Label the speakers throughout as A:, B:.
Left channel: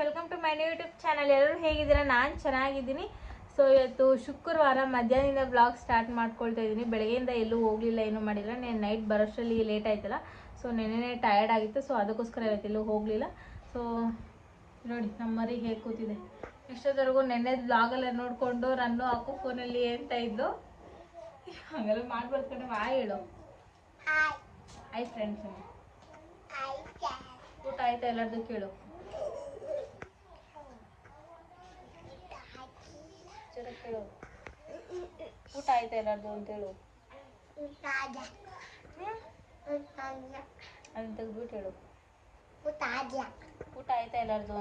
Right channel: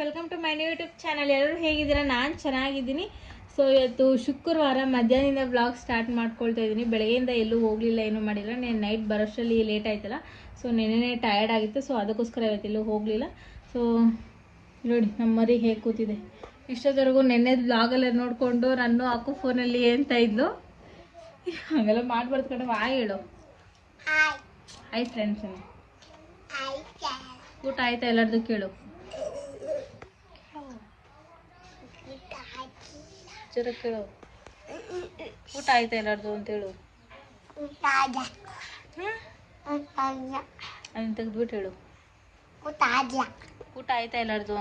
A: Welcome to my new YouTube channel ಎಲ್ಲರೂ ಹೇಗಿದ್ದೀರಾ? ನಾನು ಚೆನ್ನಾಗಿದ್ದೀನಿ. ಸೊ ಇವತ್ತು ಶುಕ್ರವಾರ ಮಧ್ಯಾಹ್ನದಿಂದ ಬ್ಲಾಗ್ ಸ್ಟಾರ್ಟ್ ಮಾಡ್ಕೊಳ್ತಾ ಇದ್ದೀನಿ. ಬೆಳಗ್ಗೆಯಿಂದ ಎಲ್ಲೂ ಹೋಗಲಿಲ್ಲ ಏನೂ ಮಾಡಿಲ್ಲ. ನೆನ್ನೆ ನೈಟ್ ಬರೋಷ್ಟರಲ್ಲಿ ಲೇಟ್ ಆಯ್ತಲ್ಲ. ಸೊ ನೆನ್ನೆ ಟಯರ್ಡ್ ಆಗಿತ್ತು. ಸೊ ಅದಕ್ಕೋಸ್ಕರ ಇವತ್ತು ಎಲ್ಲೂ ಹೋಗಲಿಲ್ಲ. ಸೊ ನೋಡಿ ನಮ್ಮ ಮರಿ ಹೇಗೆ ಕೂತಿದೆ. ಇಷ್ಟೊತ್ತವರೆಗೂ ನೆನ್ನೆ ಬ್ಲಾಗಲ್ಲ ನೋಡಿಕೊಂಡು ನಾನು ಹಾಕು ಫೋನಲ್ಲಿ ಅಂತ ಇದ್ಲು. ಹಾಗೆಲ್ಲ ಮಾಡ್ಬಾರ್ದು ಕಡೆ ಹಾಯ್ ಹೇಳು. ಆಯ್ತು ಫ್ರೆಂಡ್ಸ್ ಊಟ ಆಯ್ತಾ ಎಲ್ಲರದ್ದು ಕೇಳು. ಜರ ಕೇಳು ಊಟ ಆಯ್ತಾ ಎಲ್ಲಾರ್ದು ಅಂತ ಹೇಳು ತೆಗ್ದ್ಬಿಟ್ಟು ಹೇಳು. ಊಟ ಆಯ್ತಾ ಎಲ್ಲರದು?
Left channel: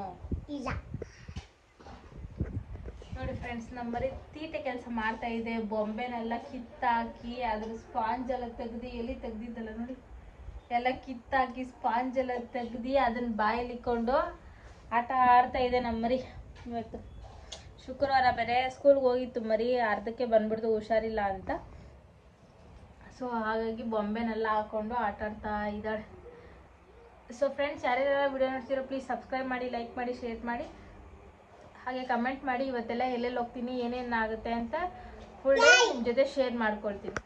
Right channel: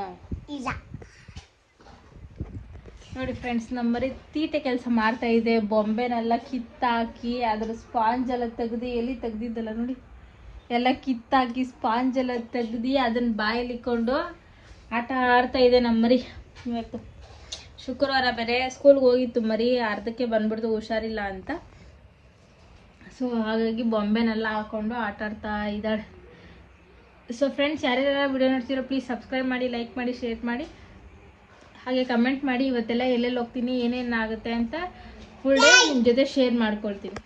A: ನೋಡಿ ಫ್ರೆಂಡ್ಸ್ ನಮ್ಮ ಮರಿ ತೀಟೆ ಕೆಲಸ ಮಾಡ್ತಾ ಇದೆ. ಬೊಂಬೆನೆಲ್ಲ ಕಿತ್ತಾಕಿ ಅದ್ರ ಸ್ಪಾಂಜ್ ಎಲ್ಲ ತೆಗ್ದು ಎಲ್ಲಿ ತೆಗ್ದಿದ್ದಲ್ಲ ನೋಡಿ. ಎಲ್ಲ ಕಿತ್ತಾಕಿ ಸ್ಪಾಂಜ್ ಎಲ್ಲ ತೆಗ್ದು ಅದನ್ನ ಬಾಯಲ್ಲಿ ಇಕ್ಕೊಂಡು ಆಟ ಆಡ್ತಾ ಇದೆ ನಮ್ಮ ಮರಿ. ಇವತ್ತು. ಶುಕ್ರವಾರ ಬೇರೆ ಸ್ಕೂಲ್ಗೆ ಹೋಗಿತ್ತು ಮರಿ, ಅರ್ಧಕ್ಕೆ ಬಂದ್ಬಿಡ್ತು ಹುಷಾರಿಲ್ಲ ಅಂತ. ಸೊ ಹಾಗಾಗಿ ಬೊಂಬೆನೆಲ್ಲ ಹಾಕೊಂಡು ಆಟ ಆಡ್ತಾ ಇದ್ದಾಳೆ. ಸೊ ಫ್ರೆಂಡ್ಸ್ ಯಾರ್ಯಾರ ವಿಡಿಯೋ ನೋಡ್ತೀರೋ ಪ್ಲೀಸ್ ಸಬ್ಸ್ಕ್ರೈಬ್ ಮಾಡಿ ಲೈಕ್ ಮಾಡಿ ಶೇರ್ ಮಾಡಿ. ಹಾಗೆ ಕಮೆಂಟ್ ಮಾಡಿ, ಇವತ್ತೆಲ್ಲ ಎಲ್ಲೆಲ್ಲಿ ಹೋಗ್ತೀನಿ, ಏನೇನು ಆಗುತ್ತೆ ಅಂತ ಫುಲ್ ಡೇ ನಿಮ್ಮ ಜೊತೆ ಶೇರ್ ಮಾಡ್ಕೊಳ್ತೀನಿ.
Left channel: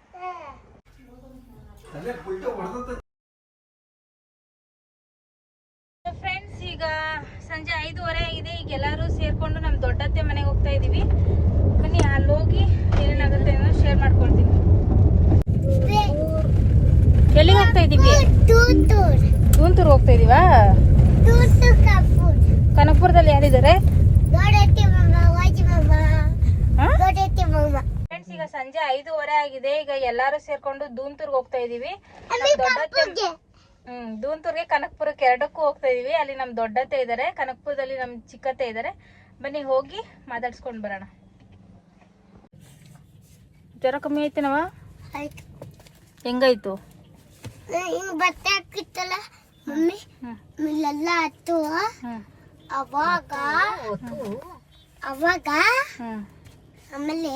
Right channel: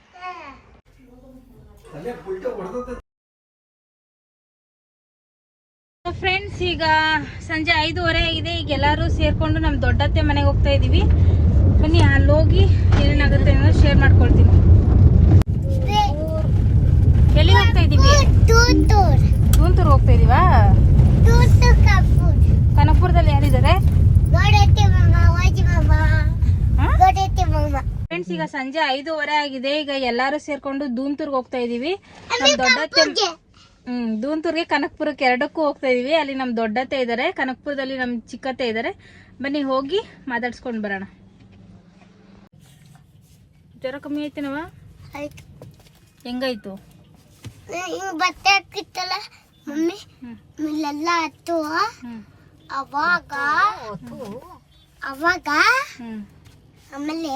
A: ಫ್ರೆಂಡ್ಸ್ ಈಗ ಸಂಜೆ ಐದೂವರೆ ಆಗಿದೆ. ಈಗ ಎಲ್ಲರೂ ಸೇರ್ಕೊಂಡು ನಮ್ಮ ದೊಡ್ಡತ್ತೆ ಮನೆಗೆ ಹೋಗ್ತಾ ಇದೀವಿ. ಬನ್ನಿ, ಅಲ್ಲಿ ಹೋಗಿ ಏನಾಗುತ್ತೆ ಅನ್ನೋದು ಶೇರ್ ಮಾಡ್ಕೊಳ್ತೀನಿ. ಎಲ್ಲಿಗೆ ಹೋಗ್ತಾ ಇದೀವಿ? ತುಂತೂರು ಹೋಗ್ತಾ ಇದೀವಾ? ಕನಕಪುರದಲ್ಲಿ ಯಾರಿದ್ದಾರೆ? ಫ್ರೆಂಡ್ಸ್ ಈಗ ಸಂಜೆ ಐದೂವರೆ ಆಗಿದೆ. ಈಗ ಎಲ್ಲರೂ ಸೇರ್ಕೊಂಡು ಧೂಮ್ತೂರ್ಗೆ ಹೋಗ್ತಾ ಇದೀವಿ. ದೊಡ್ಡತ್ತೆ ಹ್ಮ್ ದೂಂತೂರ್ಗೆ ಕನಕಪುರಕ್ಕೆ ಎರಡಕ್ಕೂ ಹೋಗ್ತಾ ಇದೀವಿ. ಅಲ್ಲಿ ನಮ್ ದೊಡ್ಡತ್ತೆ ಇದಾರೆ. ಕನಕಪುರದಲ್ಲಿ ನಮ್ ಚಿಕ್ಕತ್ತೆ ಇದಾರೆ. ಬನ್ನಿ ಹೋಗಿ ಮಾತಾಡ್ಸ್ಕೊಂಡ್ ಬರೋಣ. ಜ್ವರ ಕಮ್ಮಿ ಐತೇನವ ಹೆಂಗಾಯ್ತು?
B: ಬಟ್ಟೆ ಹಾಕಿತ್ತಲ್ಲ ಮಮ್ಮಿ. ಇಲ್ಲೆಲ್ಲ ಹತ್ತು. ಅವಾಗ ಅವಾಗ ಆಮೇಲೆ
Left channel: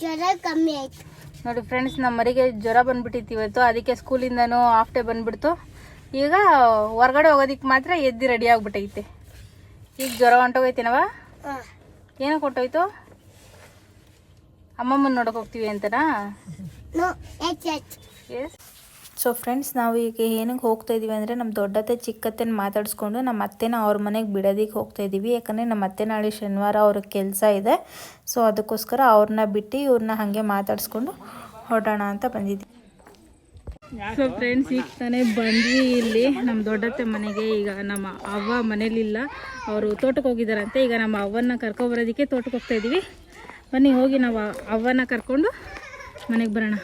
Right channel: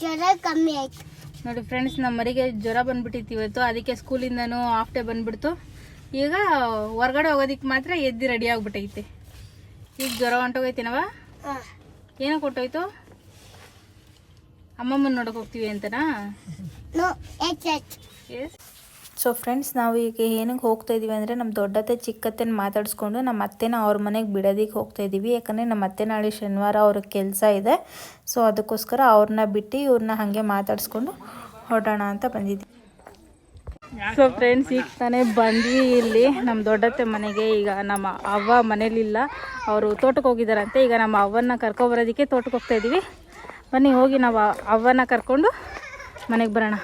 B: ಜ್ವರ ಕಮ್ಮಿ ಆಯ್ತು.
A: ನೋಡಿ ಫ್ರೆಂಡ್ಸ್ ನಮ್ಮ ಮರಿಗೆ ಜ್ವರ ಬಂದ್ಬಿಟ್ಟಿತ್ತು ಇವತ್ತು. ಅದಕ್ಕೆ ಸ್ಕೂಲಿಂದನೂ ಹಾಫ್ ಡೇ ಬಂದ್ಬಿಡ್ತು. ಈಗ ಹೊರಗಡೆ ಹೋಗೋದಿಕ್ಕೆ ಮಾತ್ರ ಎದ್ದು ರೆಡಿ ಆಗ್ಬಿಟ್ಟೈತೆ. ಈಗ ಜ್ವರ ಹೊಂಟೋಗೈತೇನವ ಏನಕ್ಕೆ ಕೊಟ್ಟೋಯ್ತು ಅಮ್ಮಮ್ಮನ ನೋಡಕ್ ಹೋಗ್ತೀವಿ ಅಂತನಾ?
B: ಎಚ್
C: ಸೊ ಫ್ರೆಂಡ್ಸ್ ನಾವು ಈಗ ಏನಕ್ಕೆ ಹೋಗ್ತಾ ಇದೀವಿ ಅಂದರೆ ನಮ್ಮ ದೊಡ್ಡತ್ತೆ, ಚಿಕ್ಕತ್ತೆನ ಮಾತಾಡಿಸ್ಕೊಂಡು ನಮ್ಮ ಅತ್ತೆನ ಅವ್ರ ಮನೆಗೆ ಬಿಡೋದಕ್ಕೆ ಹೋಗ್ತಾ ಇದ್ದೀವಿ ಯಾಕಂದರೆ ನಮ್ಮ ಅತ್ತೆ ನಾಳೆ ಶನಿವಾರ ಅವ್ರಿಗೆ ಕೆಲಸ ಇದೆ. ಸೊ ಅದಕ್ಕೋಸ್ಕರ ಅವ್ರನ್ನ ಬಿಟ್ಟು ಇವ್ರನ್ನ ಹಾಗೆ ಮಾತಾಡಿಸ್ಕೊಂಡು ಹೊಡೋಣ ಅಂತ ಬಂದಿದ್ವಿ
A: ಸೊ ಫ್ರೆಂಡ್ಸ್ ಈಗ ತಾನೇ ಬಂದ್ವಿ ಇಲ್ಲಿ. ನಮ್ಮ ದೊಡ್ಡತ್ತೆ ಮನೆಗೆ ಈಗ ನಮ್ಮ ಅವ್ವ ಮನೇಲಿಲ್ಲ ಅವರು ತೋಟಕ್ಕೆ ಹೋಗಿದ್ದಾರಂತೆ. ಈಗ ನಮ್ಮ ಅವ್ವನ್ನ ಕರ್ಕೊಬರೋದಕ್ಕೆ ತೋಟಕ್ಕೆ ಹೋಗ್ತಾ ಇದ್ದೀವಿ ಬನ್ನಿ, ಹೋಗಿ ನಾವು ಅವ್ವನ್ನ ಕರ್ಕೊಂಡು ಮನೆಗೆ ಬರೋಣ.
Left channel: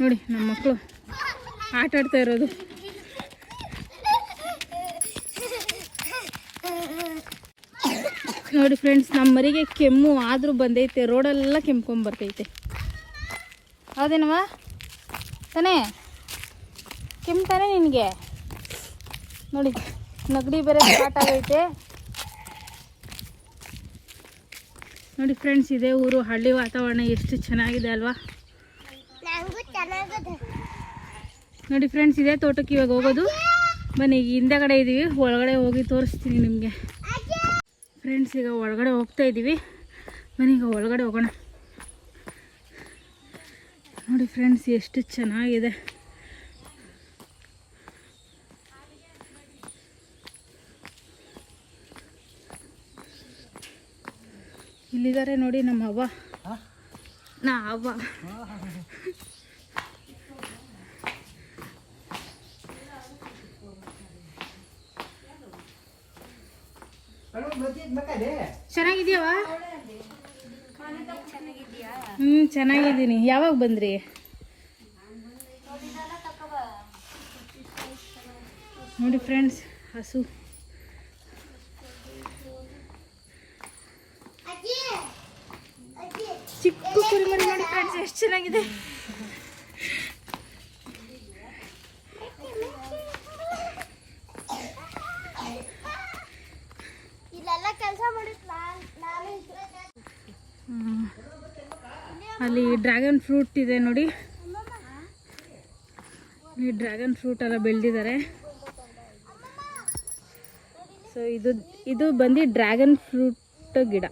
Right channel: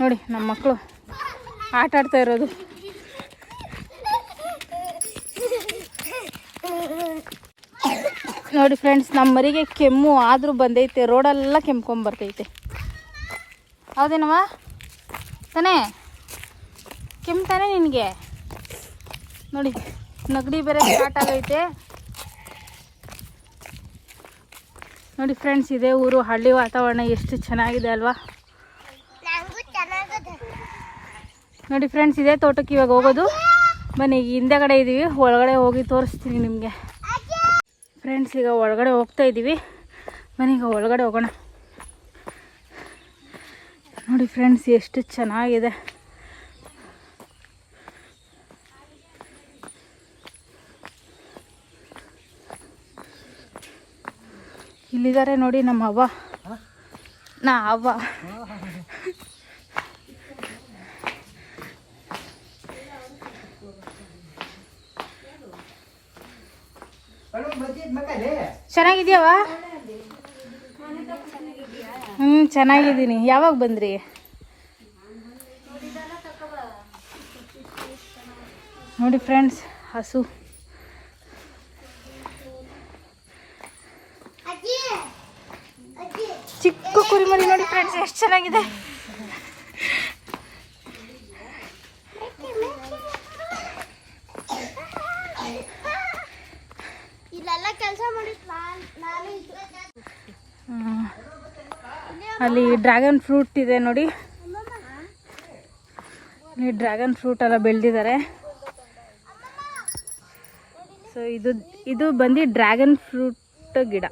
A: ನೋಡಿ, ನಮ್ಮ ಮಕ್ಕಳು. ಆಟ ಆಡ್ತಾ ಇರೋದು. ನೋಡಿ ಫ್ರೆಂಡ್ಸ್ ನಮ್ಮ ಮರಿಗೆ ಕೆಮ್ಮು ಆದರೂ ಬಂದೈತೆ ರೋಡೆಲ್ಲ ಕೆಮ್ಕೊಂಬರ್ತೈತೆ ಹೌದೇನವ ತಾನೇ? ಕೆಮ್ಮು ತಾನೇ ನಿನಗೆ? ನೋಡಿ, ನಗಡಿ ಬೇರೆ ಸ್ಟಾರ್ಟ್ ಆಗೈತೆ. ನೋಡಿ ಫ್ರೆಂಡ್ಸ್ ಇದೇ ಊರು, ಹಳ್ಳಿ ವಾತಾವರಣ ಎಷ್ಟು ಚೆನ್ನಾಗಿದೆ ಅಲ್ವಾ? ನೋಡಿ ಫ್ರೆಂಡ್ಸ್ ಇದೇ ತೋಟಕ್ಕೆ ಇವಾಗ ಹೋಗೋದು. ಬನ್ನಿ ಈಗ ಹಿಂದೆಗಡೆ ಇದ್ದೀವಿ ಒಳಗಡೆ ಹೋಗಿ ತೋರಿಸ್ತೀನಿ ನಿಮಗೆ. ಫ್ರೆಂಡ್ಸ್ ಈಗ ಒಳಗಡೆ ಹೋಗ್ತಾ ಇದ್ದೀವಿ ಬನ್ನಿ ಈಗ ಒಳಗಡೆ ಹೋಗೋಣ. ನೋಡಿ ಫ್ರೆಂಡ್ಸ್ ಎಷ್ಟು ಚೆನ್ನಾಗಿದೆ. ಇಲ್ಲಿದ್ದಾರೆ ನೋಡಿ ನಮ್ಮ ಅವ್ವ. ನಾ ಅವ್ವ. ಚೆನ್ನಾಗಿದ್ಯಾವ? ಹ್ಞೂ ಚೆನ್ನಾಗಿದ್ದೀನಿ. ಯಾವಾಗ ಬಂದ್ರಿ? ನೋಡಿ ಫ್ರೆಂಡ್ಸ್ ಹಸು. ಚಿಕ್ಕ ಕುರಿಮರಿ ನೋಡಿ ಫ್ರೆಂಡ್ಸ್ ಎಷ್ಟು ಚೆನ್ನಾಗಿದೆ
B: ಇಲ್ಲೆಲ್ಲ ಕೆಲಸ ಮಾಡಿ ನಾನು
A: ಹ್ಮ್. ಅಲ್ಲಿ ಡ್ರ್ಯಾಗನ್ ಫ್ರೂಟ್ ಇದೆ ನೋಡಿ. ಇಲ್ಲಿ ಡ್ರ್ಯಾಗನ್ ಫ್ರೂಟ್ ಎಲ್ಲ ಬೆಳೆದಿದ್ದಾರೆ. ಸೊ ಇದು ಇದು ಬಂದು ಡ್ರ್ಯಾಗನ್ ಫ್ರೂಟ್ ಗಿಡ.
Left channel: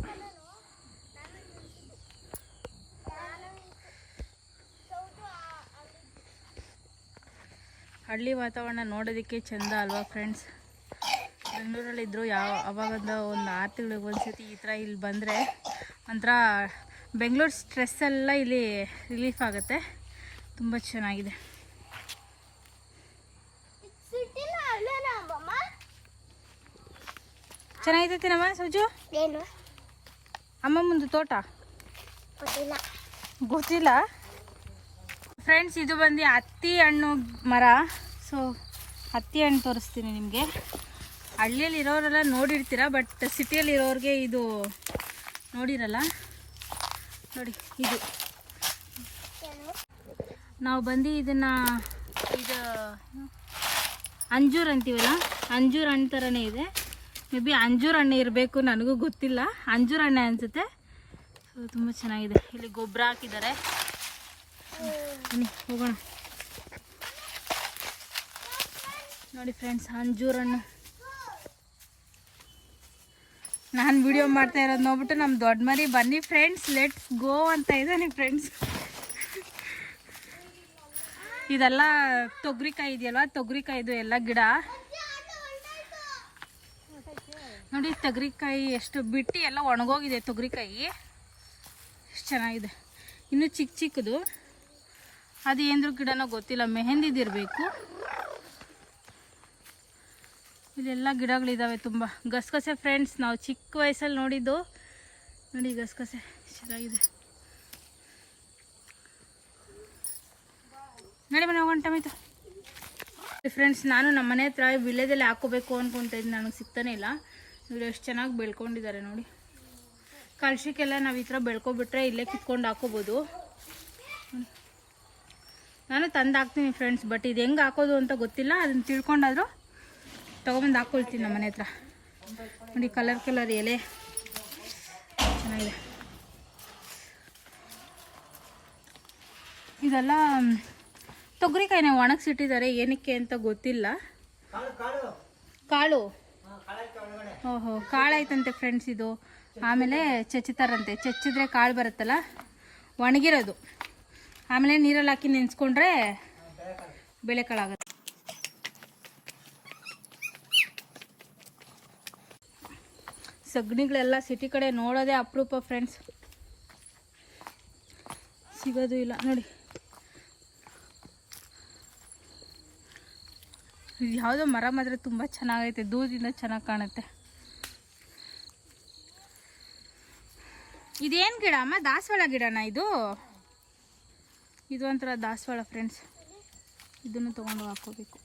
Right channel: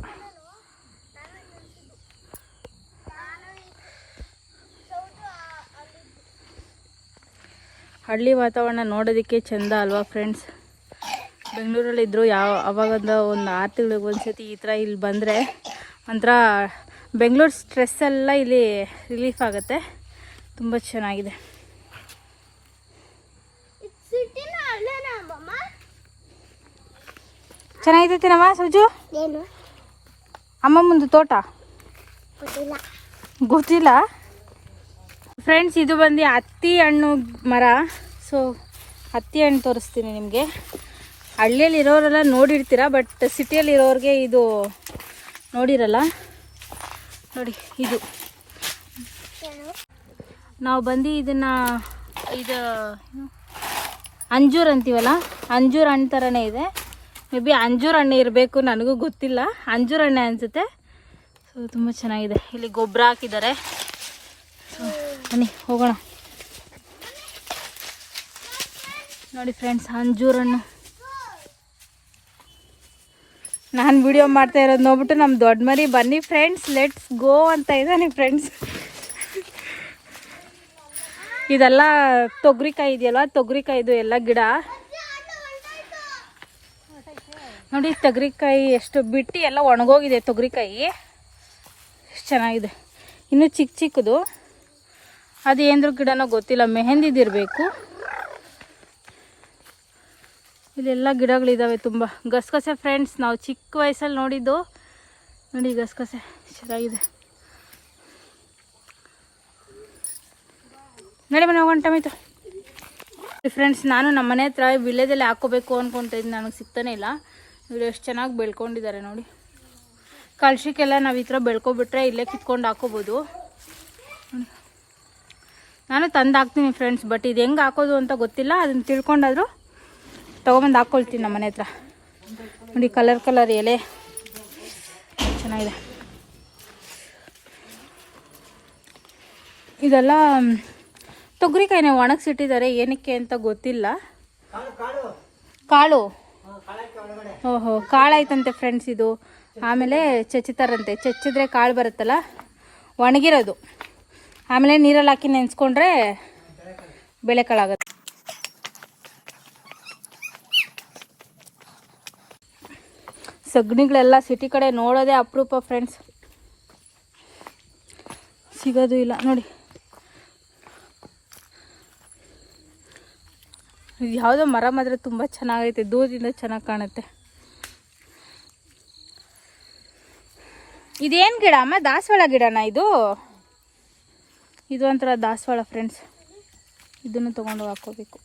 A: ಹಳ್ಳಿ ವಾತಾವರಣ ನೋಡೋದಕ್ಕೆ ಚೆಂದ ಅಲ್ವಾ ಫ್ರೆಂಡ್ಸ್ ಬೆಂಗಳೂರಲ್ಲಿದ್ದರು ಯಾವ, ಅವಾಗಂದ ಒಂದು ಆರು ತಿಂಗಳಿಗೆ ಒಂದ್ಸತಿ ಈ ಥರ ಇಲ್ಲಿ ಬಂದರೆ ಒಂಥರ ಬೆಂಗಳೂರು ಸ್ಟ್ರೆಸ್ ಎಲ್ಲ ಇಲ್ಲಿ ರಿಲೀಫ್ ಆಗುತ್ತೆ. ತುಂಬ ಚೆನ್ನಾಗಿದೆ.
B: ಸಿಟಿನ
A: ಸುಜು? ಅಮ್ಮ ಮುಂದೆ ತೋಟ?
B: ಗೊತ್ತಿಲ್ಲ.
A: ಗೊತ್ತಿಲ್ಲ? ಫ್ರೆಂಡ್ಸ್ ಇದು ಬಂದು ಹತ್ತಿ ಹಣ್ಣು ಮರ. ಸೊ ಹತ್ತಿ ಹಣ್ಣು ತೋರಿಸ್ತೀನಿ ನಿಮಗೆ. ಹಳ್ಳಿಯಲ್ಲಿ ಇರೋರೆಲ್ಲ ನೋಡಿರ್ತೀರ ಬಟ್ ಸಿಟಿಯಲ್ಲಿ ಇರೋರಿಗೆ ಇದು ನೋಡಿರಲ್ಲ. ನೋಡಿ, ಇದು. ನಾವು ಬಂದು ಇದನ್ನು, ಇದು? ಅಂಜೂರ್ ಅಂತೀವಲ್ಲ? ಅಂಜೂರ್ ಹಣ್ಣು ಥರನೇ ಇದೆ. ಮೇ ಬಿ ಅಂಜೂರ್ ಹಣ್ಣು ಇರಬೇಕು, ನನಗೂ ಗೊತ್ತಿಲ್ಲ. ಅಂಜೂರ್ ಹಣ್ಣೆ ಅನಿಸುತ್ತೆ. ಸೊ ತುಂಬ ಚೆನ್ನಾಗಿದೆ. ಇಲ್ಲಿ ಗೊಬ್ಬರ ಹಾಕಿದ್ದಾರೆ. ಸೊ ಬನ್ನಿ, ಹೋಗೋಣ. ನೋಡಿ ಫ್ರೆಂಡ್ಸ್ ಅಂಜೂರ್ ಹಣ್ಣು. ನಾನು ವಿಡಿಯೋ ಮಾಡ್ತಾ ಇರೋದು ನೋಡ್ಬಿಟ್ಟು ನಮ್ಮ ದೊಡ್ಡ ಮರಿ ಬನ್ನಿ ಫ್ರೆಂಡ್ಸ್ ಲೆಟ್ಸ್ ಗೋ ಅಂತ ಇದ್ದಾನೆ ಫ್ರೆಂಡ್ಸ್ ಇದೆಲ್ಲ ತೊಗರಿಕಾಯಿ ಇದೆಯಲ್ಲ ತೊಗರಿಕಾಯಿದು ಎಲ್ಲ ಗಿಡ. ನೋಡಿ ತೊಗರಿಕಾಯಿ ಎಷ್ಟು ಬಿಟ್ಟು ಎಲ್ಲ ಒಣಗೋಗಿದೆ ತೊಗರಿಕಾಯಿ. ಎಷ್ಟು ಚೆನ್ನಾಗಿದೆ. ಇನ್ನೂ ಚಿಕ್ಕ ಚಿಕ್ಕದು. ಅದು ಏನದ್ರ ಗಿಡನೋ ಗೊತ್ತಿಲ್ಲ ಮೆಹಂದಿದಿರಬೇಕು ಇಲ್ಲೆಲ್ಲ ಗಿಡಗಳಿದ್ದಾವೆ ತುಂಬ. ಗಸಗಸೆ ಫ್ರೆಂಡ್ಸ್ ನಾವು ಚಿಕ್ಕ ವಯಸ್ಸಲ್ಲಿ ನೋಡಿದ್ದು. ನೋಡಿ ಗಸಗಸೆ, ಚೆನ್ನಾಗಿದೆ. ನೋಡಿ ಮನೆ ಹೋಗೋಣ ಟಮೈತು. ಫ್ರೆಂಡ್ಸ್ ನಾನು ನಮ್ಮ ಮನೆ ಹತ್ರ ವಿಲೇಜಲ್ಲಿ ಹಾಕೋಬೇಕು ಅಂದ್ಕೊಂತಿದ್ದು ನನಗೆ ಸಿಗ್ತಾನೆ ಇಲ್ಲ. ಇವ್ರು ಎಷ್ಟು ಚೆನ್ನಾಗಿ ಬೆಳ್ಕೊಂಡಿದ್ದಾರೆ ನೋಡಿ. ಕಳ್ಸಿಕ್ಕೆಲ್ಲ ನಾವು ಈ ಥರ ಬೆಳ್ಕೊಬಿಟ್ರೆ ಇಲ್ಲೇ ಕಿತ್ಕೊಂಡು ಹಾಕೋಬೋದು ನಾನು ತಂದು ಹಾಕ್ತೀನಿ ಫ್ರೆಂಡ್ಸ್ ಬಟ್ ಇದು ಹೆಂಗೆ ಹಾಕೋದು ಅಂತ ಗೊತ್ತಿಲ್ಲ. ಅದನ್ನು ತಿಳ್ಕೊಂಡಾದರೂ ತೊಗೊಬಂದು ಹಾಕ್ಕೊಳ್ತೀನಿ ನಮ್ಮ ಮನೆ ಹತ್ರ. ನೋಡಿ ಕಲರ್ ಕಲರ್ ಎಲೆ. ಚೆನ್ನಾಗಿದೆ. ಇದೆಲ್ಲ ತೊಗರಿಕಾಯಿನೇ ಒಣಗಿಸಿಟ್ಟಿದ್ದಾರೆ ಏನಕ್ಕೆ ಅಂತ ಗೊತ್ತಿಲ್ಲ. ಕಾಳು. ಓಹೋ ಕಾಳಾಯ್ತಂತೆ ಫ್ರೆಂಡ್ಸ್ ಇದು. ಆಮೇಲೆ ಚಚ್ಚುತ್ತಾರಂತೆ ಚಚ್ಚಿದ್ರೆ ಕಾಳು ಬರುತ್ತಲ್ಲ? ಒಣಗಿರೋದು. ಆಮೇಲೆ ನೀರಲ್ಲಿ ಹಾಕಿ ನೆನೆಸ್ಕೊಂಡ್ರೆ ಬೇಳೆಕಾಳಾಗುತ್ತೆ ಸಗಣಿಗಳೆಲ್ಲ ಸಿಟಿ ಕಡೆ ನೋಡೋದೇ ಅಪರೂಪ ಫ್ರೆಂಡ್ಸ್ ಸಿಗೋದು ಇಲ್ಲ, ನೋಡಿ. ಇದು ಯಾವುದೋ ಮರ ಮಾತ್ರ ತುಂಬ ಚೆನ್ನಾಗೈತೆ, ದೂರದಿಂದ ಚೆನ್ನಾಗಿ ಕಾಣುತ್ತೆ. ಇದೇನು ಗಿಡ ಅಮ್ಮ? ದಾಸವಾಳ ಗಿಡನ ಇದು? ಇದು ಒಂಥರ ದಾಸವಾಳ ಫ್ರೆಂಡ್ಸ್ ಇದನ್ನು ತೊಗೊಂಡು ಹಾಕೋಬೇಕು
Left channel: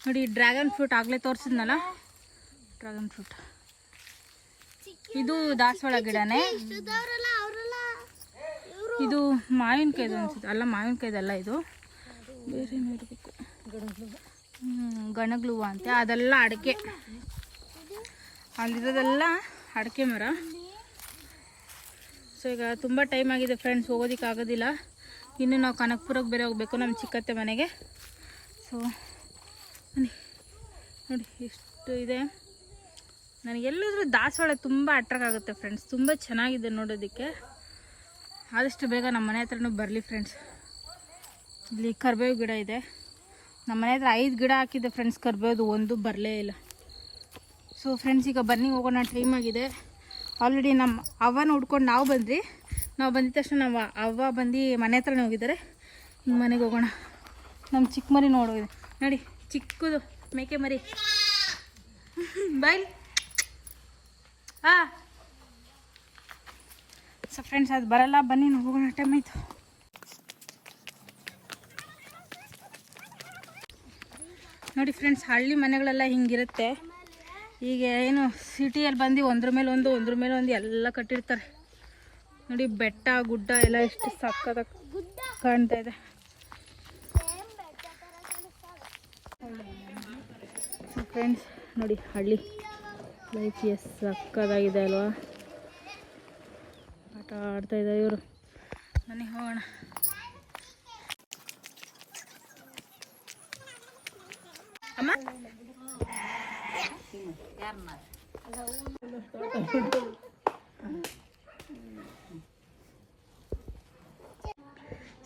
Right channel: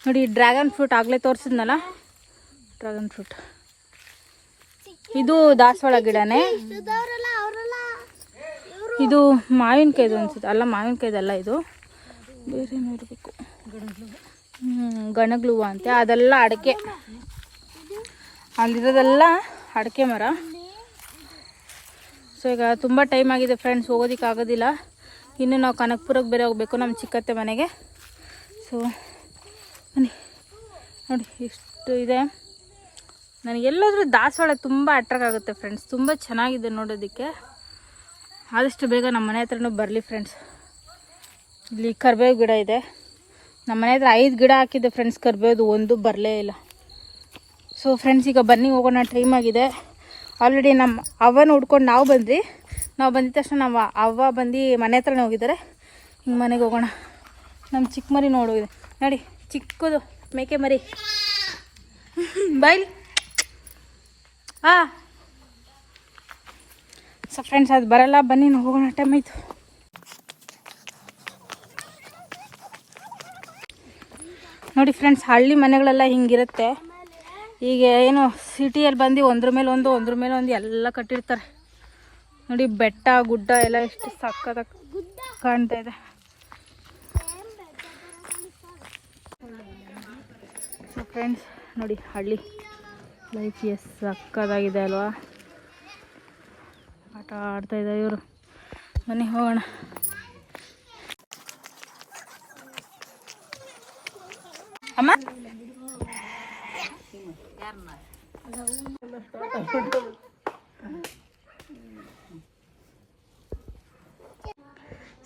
A: ನೋಡಿ ಡ್ರ್ಯಾಗನ್ ಫ್ರೂಟ್ ಆಗಲೇ ತೋರಿಸಿದ್ನಲ್ಲ? ಡ್ರ್ಯಾಗನ್ ಫ್ರೂಟ್ ಇದು ದಾಸವಾಳ ಗಿಡನೇ. ಇದು ಮಾವಿನಕಾಯ್ದು ಅನ್ಸುತ್ತೆ. ಅಲ್ಲ ಮಾವಿನಕಾಯ್ದಲ್ಲ ಇದು. ಬೇರೆ ನೋಡಬೇಕು. ಗಣಗ್ಲು ಹೂವು ಅಂತೆ. ಅದೆಲ್ಲ ಅಡಿಕೆ. ಅಲ್ಲಿರೋದೆಲ್ಲ ಅಡಿಕೆ ಮರ. ಸೊ ಈಗ ತುಂಬ ಟೈಮ್ ಆಗಿದೆ ಫ್ರೆಂಡ್ಸ್ ಹೋಗೋದಕ್ಕೆ ಆಗೋದಿಲ್ಲ. ಇನ್ನು ನಾವು ಕನಕಪುರಕ್ಕೆ ಬೇರೆ ಹೋಗಬೇಕು ನಮ್ಮ ಚಿಕ್ಕತ್ತೆ ಮನೆಗೆ. ಸೊ ಬನ್ನಿ. ನೋಡಿ ಎಷ್ಟು ಇದೆ. ನನಗೆಲ್ಲಾದರೂ ದಾಸವಾಳ ತುಂಬ ಅಟ್ರಾಕ್ಟ್ ಆಗುತ್ತೆ ಫ್ರೆಂಡ್ಸ್ ತುಂಬ ಚೆನ್ನಾಗಿದೆ ನೋಡೋದಕ್ಕೆ. ಆದಷ್ಟು ಬೇಗ ನಮ್ಮ ಮನೆ ಹತ್ರನೂ ಬರಲಿ ಫ್ರೆಂಡ್ಸ್ ಇಲ್ಲಿ ಕರ್ಬೇವು ಗಿಡ ಇದೆ. ನಮ್ಮ ಮನೆ ಹತ್ರ ಐದು ಗಿಡ ಹಾಕಿದ್ದೆ ಫ್ರೆಂಡ್ಸ್ ಕರ್ಬೇವುದು ಒಂದು ಬರಲೇ ಇಲ್ಲ. ಸೊ ಫ್ರೆಂಡ್ಸ್ ಈಗ ಬನ್ನಿ ಹೋಗೋಣ. ಟೈಮ್ ಆಗಿದೆ. ಆಲ್ರೆಡಿ ನಮ್ಮ ಅವ್ವನ ಹುಡ್ಕೊಂಡು ನಾವು ಬಂದ್ರಿ ನಾವು ಬಂದಿದ ತಕ್ಷಣ ನಮ್ಮ ಅವ್ವ ಬಂದು ಮನೆ ಹತ್ರನೇ ಹೋಗಿದ್ದಾರೆ. ಹಿಂಗೆ ಮನೆಗೆ ಹೋಗೋಣ. ನಮ್ಮ ಚಿಕ್ಕ ಮರಿ ನೋಡೋಗಿದೆ ನೋಡಿ, ಚಿಕ್ಕದು ಮೇಕೆ ಮರಿ. ಬೈಲ್ ಹಾಂ. ಸೊ ಫ್ರೆಂಡ್ಸ್ ಅದು ಬರಲ್ಲ. ಬನ್ನಿ ಹೋಗೋಣ. ಟೈಮ್ ಆಯಿತು. ನೋಡಿ ಫ್ರೆಂಡ್ಸ್ ಹಳ್ಳಿ ಮನೆಗಳೆಲ್ಲ ಹಿಂಗಿರುತ್ತೆ. ಈಗ ಏನು ಸಿಟಿಯಲ್ಲಿ ಬಂದು ಒಂದ್ರ ಮೇಲೆ ಒಂದು, ಒಂದ್ರ ಮೇಲೆ ಒಂದು ಎಲ್ಲ ಕಟ್ಟಿರ್ತಾರೆ. ನೋಡಿ, ಬೆಟ್ಟ, ಗುಡ್ಡ ಎಲ್ಲ ಎಷ್ಟು ಸಕ್ಕದ ಕಾಣ್ತಾ ಇದೆ. ಫ್ರೆಂಡ್ಸ್ ನೋಡಿ, ಹಳ್ಳಿ. ಲೈಫ್ ಎಸ್ ಸಕ್ಕದಾಗಿದೆ ಅಲ್ವಾ? ಆಟ ಆಡ್ತಾ ಇದ್ದಾರೆ ಇವರು. ಮನೆ ಹೋಗೋಣ. ಅಮ್ಮ?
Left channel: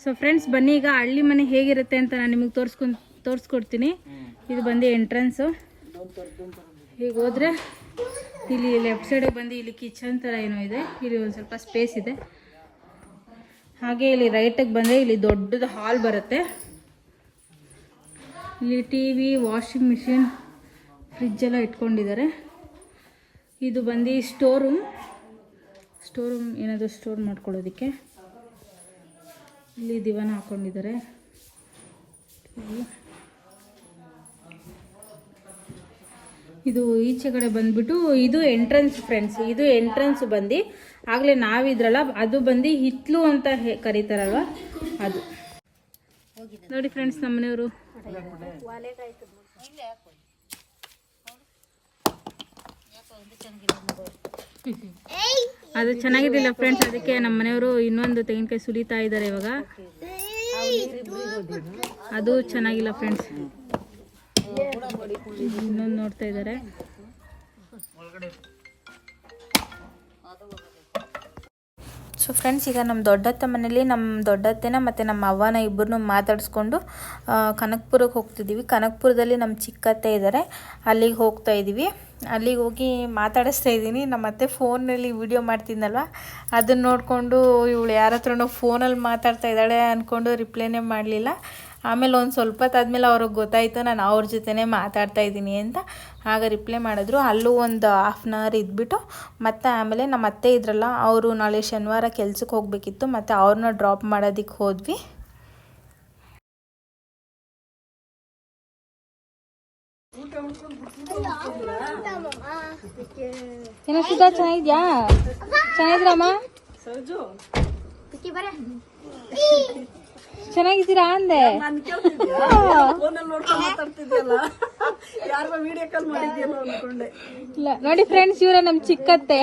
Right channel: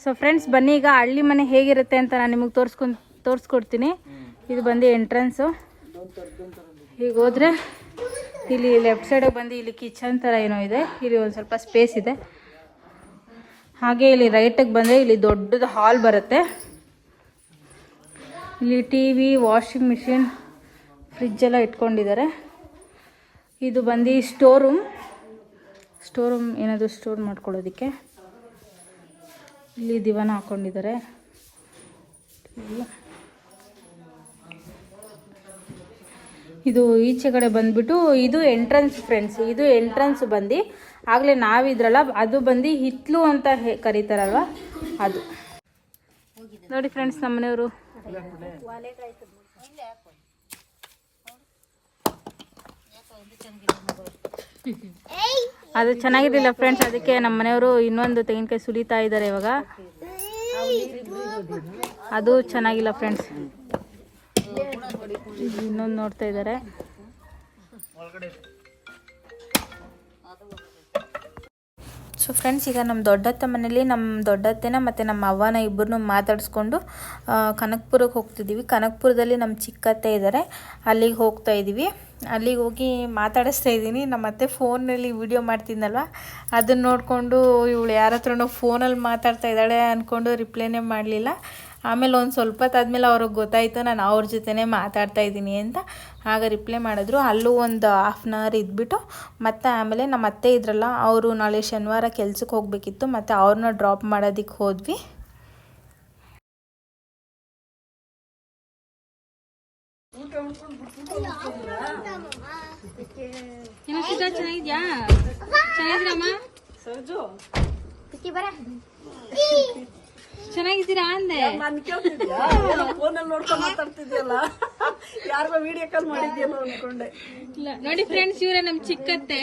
A: ಸೊ ಫ್ರೆಂಡ್ಸ್ ಬನ್ನಿ, ಈಗ ಹಳ್ಳಿ ಮನೆ ಹೇಗಿರುತ್ತೆ ಅಂತ ನಾನು ನಿಮಗೆ ತೋರಿಸ್ಕೊಂಡು ತೋರಿಸ್ಕೊಡ್ತೀನಿ. ಇದು ಬಂದು ಎಂಟ್ರೆನ್ಸು ಈಗ ಹೋದ್ರೆ ಇಲ್ಲಿ ಲೆಫ್ಟ್ ಸೈಡಿಗೆ ಬಂದು ಇಲ್ಲಿ ಕಿಚನ್ ಥರ ಏನೋ ಇದೆ. ಇಲ್ಲಿ ಒಂದು ಸ್ವಲ್ಪ ಸ್ಪೇಸ್ ಇದೆ. ಹಾಗೆ ಇಲ್ಲಿ ರೈಟಿಗೆ ಬಂದರೆ ಇಲ್ಲಿ ದೊಡ್ಡದು ಹಾಲ್ ಬರುತ್ತೆ. ಇಲ್ಲಿ T V washing machine fridge ಎಲ್ಲ ಇಟ್ಕೊಂಡಿದ್ದಾರೆ. ಇದು ಬಂದು ಸ್ಟೋರ್ ರೂಮ್ ಸ್ಟೋರ್ ರೂಮ್ ಏನಾದರೂ ಸ್ಟೋರ್ ಮಾಡ್ಕೊಳ್ಳೋದಕ್ಕೆ. ಇಲ್ಲಿ ದಿವಾನ ಹಾಕೊಂಡಿದ್ದಾರೆ. ಇದು ಈಚೆ ಕಡೆ ಬಂದ್ಬಿಟ್ಟು ಇದು ಎಂಟ್ರೆನ್ಸ್ ಫ್ರೆಂಡ್ಸ್ ಇದು ಎಂಟ್ರೆನ್ಸ್ ಬಂದು. ಆಗಲೇ ನಾವಿದ್ರಲ್ಲ, ಅದು ಬಂದು ಹಿತ್ಲು ಅಂತ ಕರೀತಾರಲ್ವ? ಅದು. ನೋಡಿ ಫ್ರೆಂಡ್ಸ್ ನಮ್ಮ ಮನೆಯವರು ಅದು ಚೆನ್ನಾಗಿದ್ದಿಲ್ಲ ಫ್ರೆಂಡ್ಸ್ ಅದಕ್ಕೆ ನಮ್ಮ ಮನೆಯವರು ಇನ್ನೊಂದು ತೆಂಗಿನಕಾಯಿ ಸುಲಿತಾ ಇದ್ದಾರೆ ಇವಾಗ. ಅದು ಚೆನ್ನಾಗಿಲ್ಲ ಫ್ರೆಂಡ್ಸ್ ನೋಡ್ತಾ ಇದ್ದಾರೆ.
C: ಸೊ ಫ್ರೆಂಡ್ಸ್ ಈಗ ನಮ್ಮ ದೊಡ್ಡತ್ತೆ ಮನೇಲಿ ನಮ್ಮ ದೊಡ್ಡತ್ತೆನ ಮತ್ತು ನಮ್ಮ ಅವ್ವನ ಇಬ್ಬರನ್ನೂ ಮಾತಾಡಿಸ್ಕೊಂಡು ಕನಕ್ಪುರಕ್ಕೆ ಹೋಗ್ತಿದ್ದೀವಿ. ಕನಕಪುರದಲ್ಲಿ ನಮ್ಮ ಚಿಕ್ಕತ್ತೆ ಇದ್ದಾರೆ ಅಲ್ಲಿಗೆ ಹೋಗ್ತಾ ಇದ್ದೀವಿ ಅಲ್ಲಿಗೆ ಹೋಗಿ ಮಾತಾಡಿಸ್ತಾ ಇದ್ದೀನಿ ನಮ್ಮ ಅತ್ತೆ ಫೋನಲ್ಲಿ ವಿಡಿಯೋ ಮಾಡ್ತಿದ್ನಲ್ವ? ಅದನ್ನು ನೋಡಿಕೊಂಡು ಇವಳು ಯಾರ ಹತ್ರನೋ ಫೋನಲ್ಲಿ ಮಾತಾಡ್ತಾ ಇದ್ದಾಳೆ ಅಂದ್ಕೊಂಡು ರಿಪ್ಲೈನೇ ಮಾಡಲಿಲ್ಲ. ಆಮೇಲೆ ಒಂದು ಸ್ವಲ್ಪ ಹೊತ್ತಾದ್ಮೇಲೆ ಅವ್ರಿಗೆ ಗೊತ್ತಾಯಿತು ನಾನು ಅವ್ರ ಜೊತೆನೇ ಮಾತಾಡ್ತಾ ಇದ್ದೀನಿ ಅಂತ ಆಗ ರಿಪ್ಲೈ ಮಾಡಿದ್ರು. ಅಲ್ಲೂ ಒಂದು ಹಾಫ್ ಆನ್ ಅವರ್ ಇದ್ಬಿಟ್ಟು ಮತ್ತು ಆಮೇಲೆ ನಮ್ಮ ಅತ್ತೆ ಇದ್ರಲ್ಲ ಅವರು ನಾಳೆ ಶನಿವಾರ ಕೆಲ್ಸಕ್ಕೆ ಹೋಗಬೇಕಿತ್ತು ಮತ್ತು ಅವ್ರನ್ನ ಡ್ರಾಪ್ ಮಾಡೋದಕ್ಕೆ ಹೋದ್ವಿ.
A: ಚೆನ್ನಾಗಿದ್ಯಾ? ಚೆನ್ನಾಗಿದ್ರಮ್ಮ ಚೆನ್ನಾಗಿದ್ದೀರಾ ಅಂದೆ? ಇಲ್ಲ ನೋಡಿ ಫ್ರೆಂಡ್ಸ್ ಇವರ ನಮ್ ಚಿಕ್ಕತ್ತೆ.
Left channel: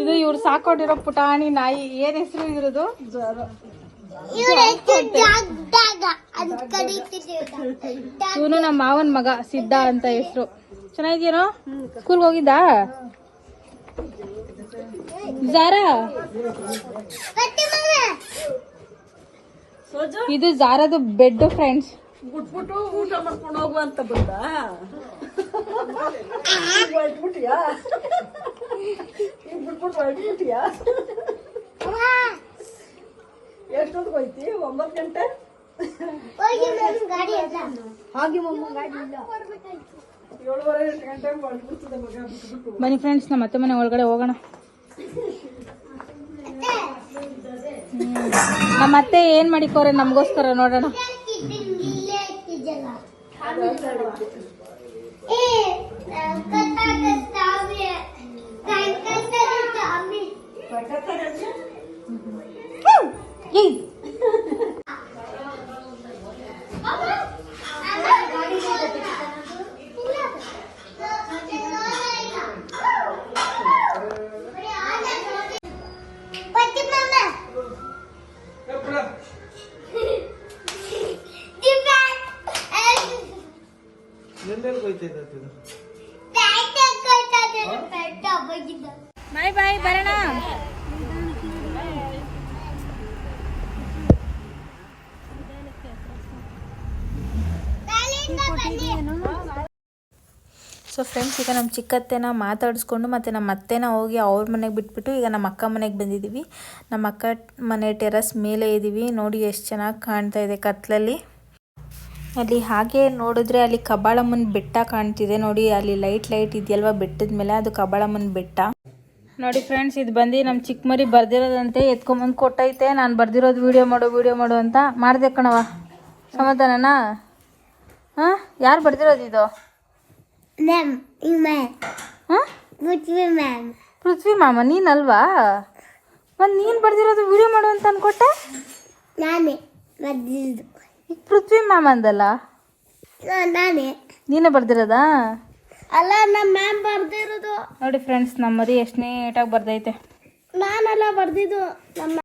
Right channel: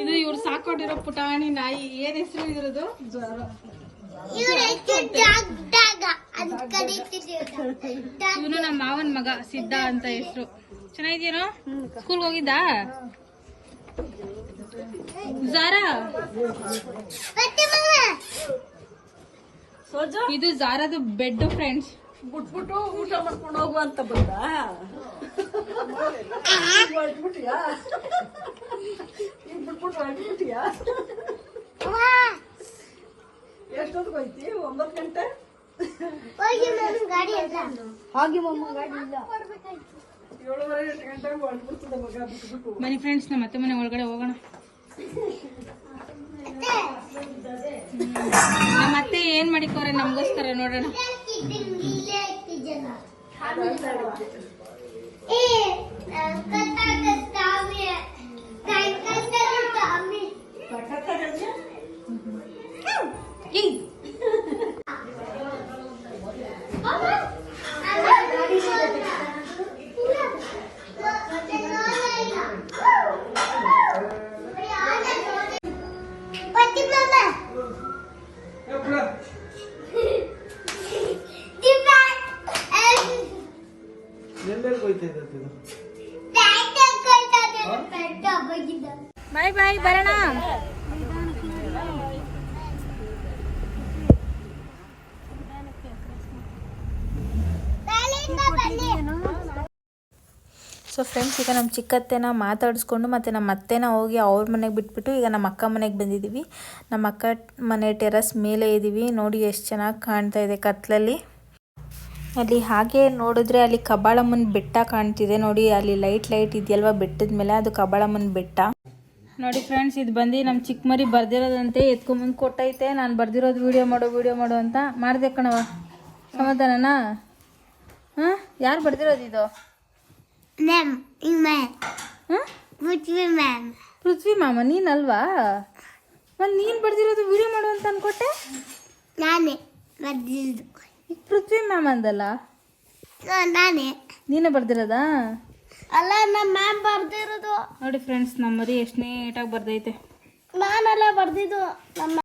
A: ಇದು ಇವ್ರು ಸಾಕೊಂಡಿರೋ ಪುಟಾಣಿ ನಾಯಿ. ಏನ್ ಹೆಸರು
B: ಕರೀತಿದ್ದೀವಿ
A: ಇವನು ನಮ್ಮ ಮಾವನ್ ಮಗ ಸಿದ್ಧ ಅಂತ ಹೆಸರು. ಚೆನ್ನಾಗಿದ್ದೀರಾ? ಸ್ಕೂಲ್ಗೆ ಹೋಗಿದ್ದಾ? ಜಾರಾ ಇದು ಜಾರದು ಬೆಡ್ ಫ್ರೆಂಡ್ಸ್
D: ಬಿಟ್ಬಿಟ್ಟು ಊಟ ಮಾಡ್ಕೊಂಡು ಹೋಗುವ ಅಂತ ಬಂದ. ಬಿಟ್ಬಿಟ್ಟು ಎಷ್ಟೊತ್ತಿಗೆ ಹೋಯ್ತಿ? ಒಂಬತ್ತು ಗಂಟೆ?
B: ಹಾಗೆ ಮಮ್ಮ ಗಾಡಿ ಇಲ್ಲ.
A: ಬನ್ನಿ ಫ್ರೆಂಡ್ಸ್ ನಮ್ಮ ಮತ್ತೆ ಮನೆ ಒಳಗಡೆ ಹೋಗೋಣ. ಹ್ಮ್. ನಮ್ಮ ಅತ್ತೆ ಏನ್ ಮಾಡಿಕೋರೆ ನಮಗೋಸ್ಕರ ನೋಡೋಣ
B: ಇಲ್ಲೇ
C: ಸೊ ಫ್ರೆಂಡ್ಸ್ ಈಗ ನಮ್ಮ ಚಿಕ್ಕತ್ತೆನ ಮಾತಾಡಿಸ್ಕೊಂಡು ಮತ್ತು ನಮ್ಮ ಅತ್ತೆನ ಹೋಗಿ ಅವ್ರ ಮನೆಗೆ ಬಿಟ್ಬಿಟ್ಟು ಈಗ ನಮ್ಮ ಅಕ್ಕ ಮನೆಗೆ ಬಂದಿದ್ದೀವಿ ನಮ್ಮ ಅಕ್ಕ ಮನೆ ಟೆರಸ್ ಮೇಲೆ ಇದ್ದೀವಿ ನೋಡಿ ಎಷ್ಟು ಚೆನ್ನಾಗಿ ಕಾಣ್ತಾ ಇದೆ ಕತ್ತಲಲ್ಲಿ ಅಲ್ಲಿ ಹಾಗೆ ನೋಡಿದ್ರೆ ಅಲ್ಲಿ ಕಬಾಳಮ್ಮನ ಬೆಟ್ಟ ಕಾಣ್ತಿದೆ. ನೋಡಿ, ಅಲ್ಲಿ ಲೈಟ್ ಲೈಟ್ ಇದೆಯಲ್ವಾ ಬೆಟ್ಟದ ಮೇಲೆ? ಅದು ಕಬಾಳಮ್ಮನ ಬೆಟ್ಟ.
A: ನೋಡಿ ಫ್ರೆಂಡ್ಸ್ ಇದು ಬಂದು ನಮ್ಮ ಚಿಕ್ಕ ಮರಿ ಬರ್ದಿರೋದಂತೆ. ಎತ್ಕೊಂಬಂದು ಕೊಟ್ಟೈತೆ. ನಾನು ಬರ್ದಿರೋದು ವೀಡಿಯೋ ಮಾಡು ವೀಡಿಯೋ ಮಾಡು ಅಂತ. ಮಾಡಿದೆ ಕಣವ ಸಮಾಧಾನನಾ? ಹಾಂ? ಯಾರು ಬರ್ದಿರೋದು ಇದು?
B: ಮ್ಯಾಮ್ ಮ್ಯಾಮ್
A: ಹಾಂ
B: ಮುಚ್ವಿ ಮ್ಯಾಮ್
A: ಪೃಥ್ವಿ ಮಾಮ ನೀನಲ್ವಾ? ಮತ್ತು ನೀನು ಬರ್ದಿರೋದು ವಿಡಿಯೋ ಮಾಡು ಅಂತ ಅನ್ಕೊಟ್ಟೆ?
B: ನಾನೇ ಬರ್ದಿದ್ದು
A: ಪೃಥ್ವಿ ಮಾಮ ಅಂದಲ್ಲ?
B: ನಾನೇ.
A: ನೀನೇ ಬರ್ದಿರೋದಾ?
B: ಅಲ್ಲ ನಮ್ಮ ಮ್ಯಾಮ್ ಬರ್ದಿರೋದು.
A: ನೋಡಿ ಫ್ರೆಂಡ್ಸ್ ನಮ್ಮ ಮರಿ ಎಷ್ಟು ನೀಟಾಗಿ ಬರ್ದೈತೆ.
B: ನಾನೆಲ್ಲ ಬರ್ದಿದ್ದು ನಮ್ಮ